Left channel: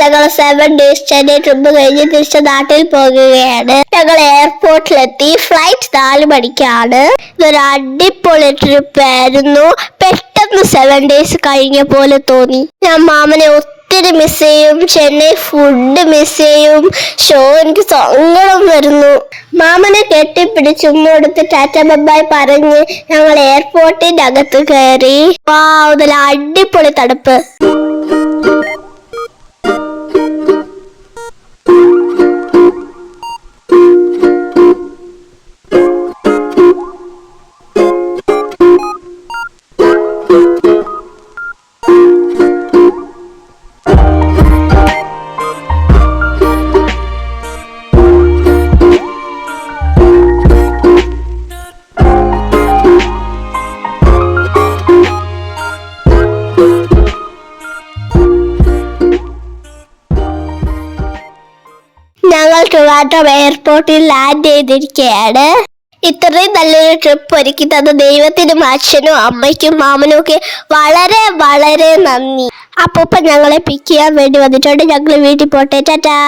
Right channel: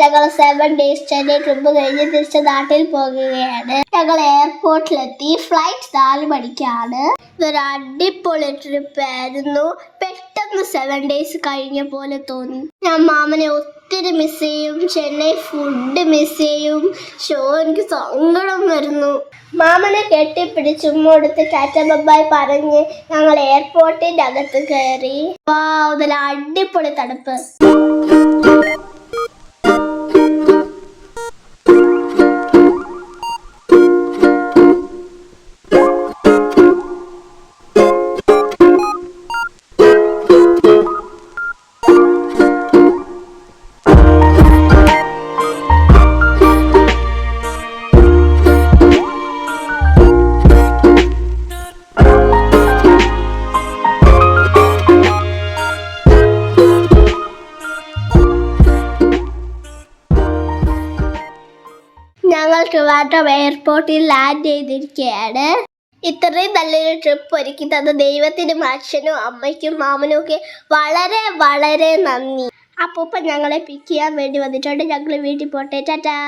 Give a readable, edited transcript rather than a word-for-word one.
ഞങ്ങൾ 7 days Chennai trip കഴിഞ്ഞ് തിരിച്ച് നാട്ടിൽ പോകുകയാണ്. ഞങ്ങൾ എയർപോർട്ടിലെത്തി. ഫ്ലൈറ്റ് 4 മണിക്കാണ്. ഇതൊരു അടിപൊളി ട്രിപ്പ് ആയിരുന്നു. പെട്ടെന്ന് 7 days കഴിഞ്ഞ പോലെ തോന്നി. ഞാൻ മാമനെ ഒത്തിരി മിസ് ചെയ്യും. ചെന്നൈ ഫുഡ് മിസ് ചെയ്യും. ഷോ എനിക്ക് സങ്കടം വരുന്നു. മാമനെ കെട്ടിപ്പിടിച്ച് ഉമ്മടുത്ത് ടാറ്റ ബൈ പറഞ്ഞ് ഞങ്ങൾ എയർപോർട്ടിന്റെ അകത്ത് കയറി. വാവ്, നല്ല അടിപൊളി തണുപ്പ്. ഞങ്ങൾ ട്രിവാൻഡ്രം എയർപോർട്ടിൽ ലാൻഡ് ചെയ്തിരിക്കുകയാണ്. ഇത്രയും നല്ലൊരു ട്രിപ്പ് ഒരുക്കി തന്ന ദൈവത്തിനും അച്ഛനും അമ്മയ്ക്കും മാമനും ഒക്കെ വളരെ വളരെ നന്ദി. അപ്പൂപ്പൻ ഞങ്ങളെ പിക്ക് ചെയ്യാൻ വേണ്ടി വന്നിട്ടുണ്ട്. ഞങ്ങൾ വീട്ടിൽ പോട്ടെ. ടാറ്റാ.